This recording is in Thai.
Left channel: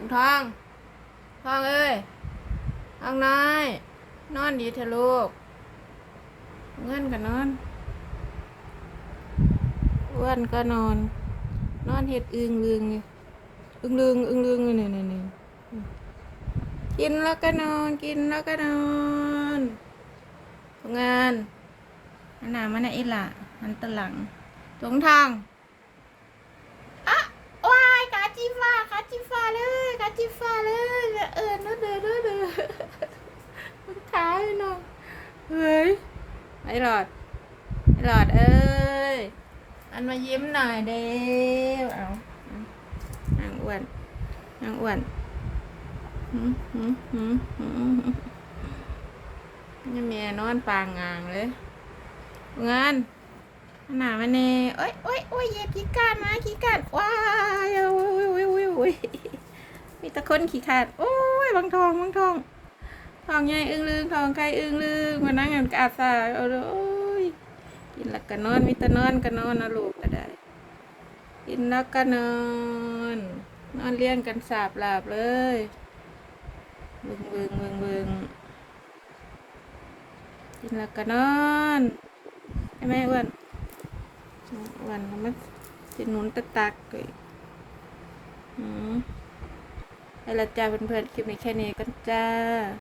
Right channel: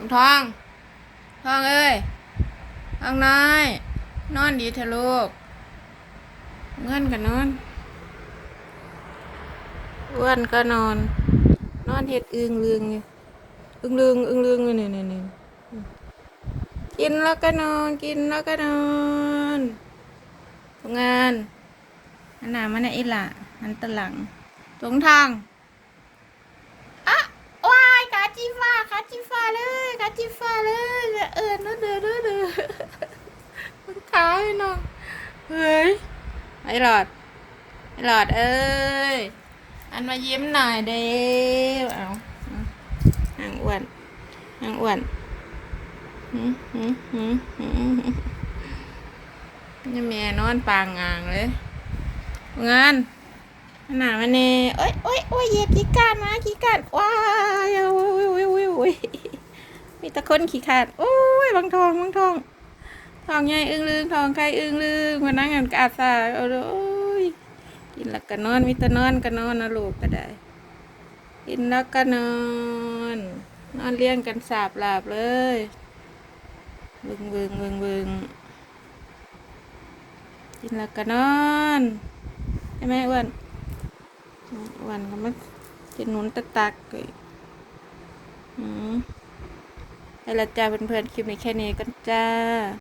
ลุงทอง ทองเอ้ยทองน้อย นอนดีเถอะลูก เงินก็นอนอ้วนก็นอน นอนเห็ดอึงลึงอยู่อึงลึงอึงลึงอยู่นี่นี่นี่กินแล้วก็นอน กินแล้วก็นอนงานอันหนามันน่ะอีหล่ะมันตะหลังตรงทางอะว้ายกาจิฟ้ากา จิฟ้าเลยกาจิฟ้าเลยเออนู่นเด้อเด้อเด้อมันขาวเลยเนาะเฮ้ยไอ้หลอดไอ้หลอดเอ้ยอันมายิ้มหน่อยเด้เอาเอานางอ้วนนางอ้วนหืมหืมหืมหืมนี่แม่นอนปางงางเลยงานอันหนามันเน่โอ้ยโอ้ยโอ้ยเยียบขี้กาดมาขี้กาดว้าย อ้ยโอ้ยมีตะคนขี้ขาดโอ้ยบางทองบางทองทองใหญ่อึ้งลืงทองไก่อึ้งลืงมานั่งกันกอาดสาโอ้ยกินแล้วก็นอนมีต่นอนก็นอนนะลูกก็ได้ กินแล้วก็นอนนอนเลี้ยงกันสาบหลาบเลยบึงบึงบึงบึงกินแล้วก็นอนใช่ไหมอ้วนอ้วนก็มากินหนุนตักตักเลย ไปและจ้าเพื่อนๆคลิปนี้แค่นี้กันจ้า